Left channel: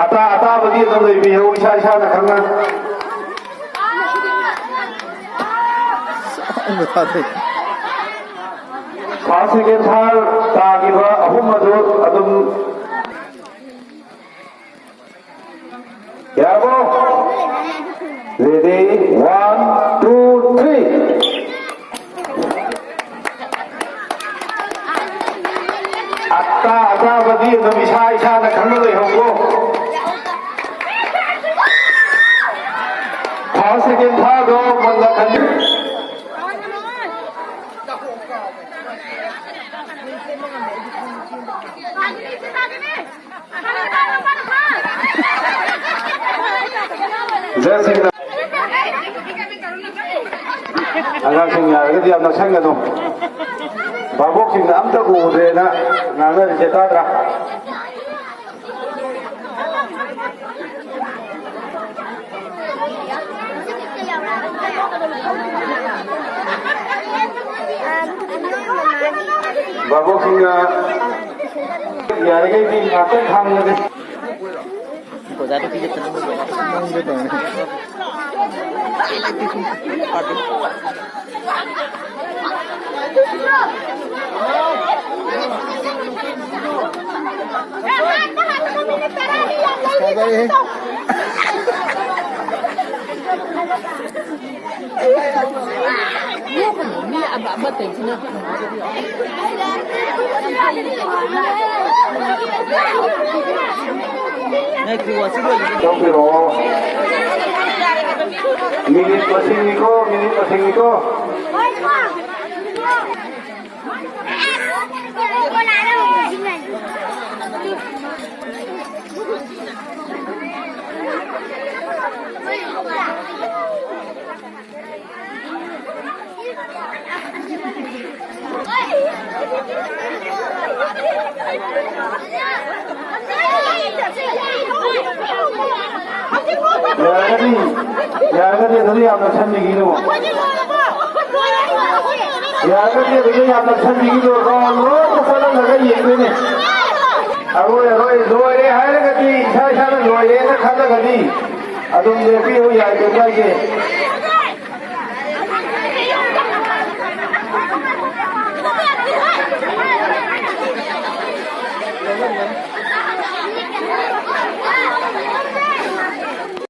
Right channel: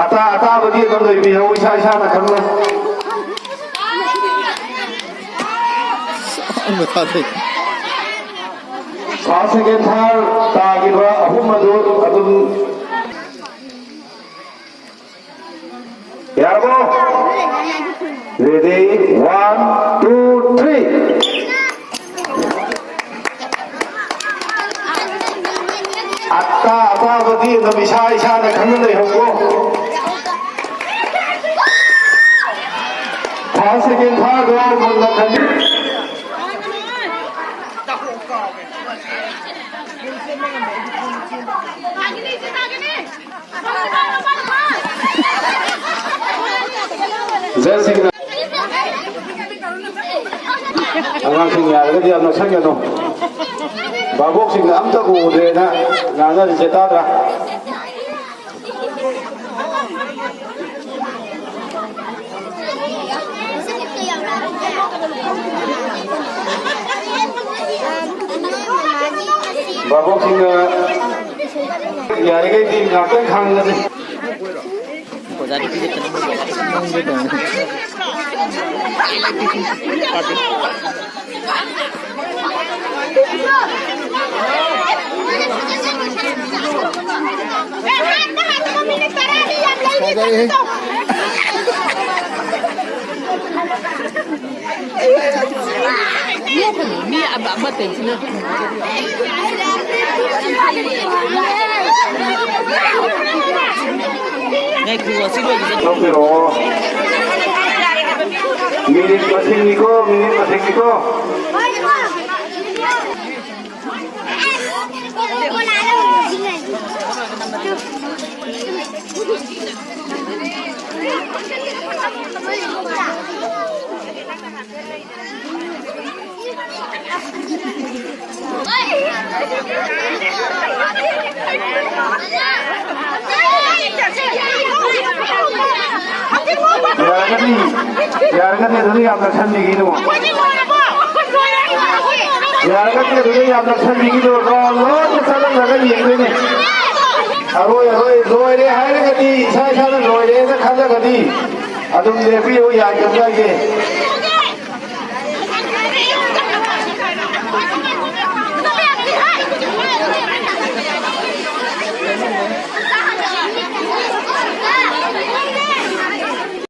ꯑꯇꯥꯕꯗꯤ ꯑꯗꯨꯝ ꯂꯩꯕꯤꯌꯨ ꯏꯁꯥ ꯏꯁꯥꯅ ꯈꯪꯅ ꯐꯥꯔꯁ ꯁꯦꯀꯦꯟ ꯊꯥꯔ ꯇꯥꯈꯤꯕ ꯑꯍꯨꯝ ꯑꯗꯨ ꯑꯗꯨꯝ ꯌꯥꯔꯕꯣ ꯔꯦꯗꯤ 1 2 3 ꯑꯇꯥꯕꯗꯤ ꯑꯗꯨꯝ ꯏꯁꯥ ꯏꯁꯥꯅ ꯈꯪꯅ ꯂꯩꯍꯧꯀꯣ ꯐꯥꯔꯁ ꯁꯦꯀꯦꯟ ꯊꯥꯔꯗꯣ ꯃꯨꯟꯅ ꯈꯟꯕꯤ ꯖꯁꯁꯤꯡꯅ ꯑꯉꯥꯡꯁꯤꯡ ꯌꯥꯔꯒꯗꯤ ꯌꯥꯝ ꯅꯛꯁꯟꯒꯅꯨ ꯚꯥꯕꯣꯛꯁꯤꯡꯅ ꯑꯝꯇ ꯎꯗ꯭ꯔꯦꯅ ꯉꯥꯡꯅꯔꯤꯁꯦ ꯇꯥꯗ꯭ꯔꯥ ꯚꯥꯕꯣꯛꯁꯤꯡꯅ ꯌꯥꯔꯤꯈꯩꯗꯤ ꯉꯥꯛꯇꯪ ꯈꯥꯡꯉꯁꯤ Mi abang tension. Ngay keluar sini. Minit masing niko. Yaragani dulu yang makan begini. Yaragani dulu yang makan begini. Kalau masalah lagi ini. Dua ini hari lagi, saya loe ini kalau lagi. Adum lepi ho yang juga lagi.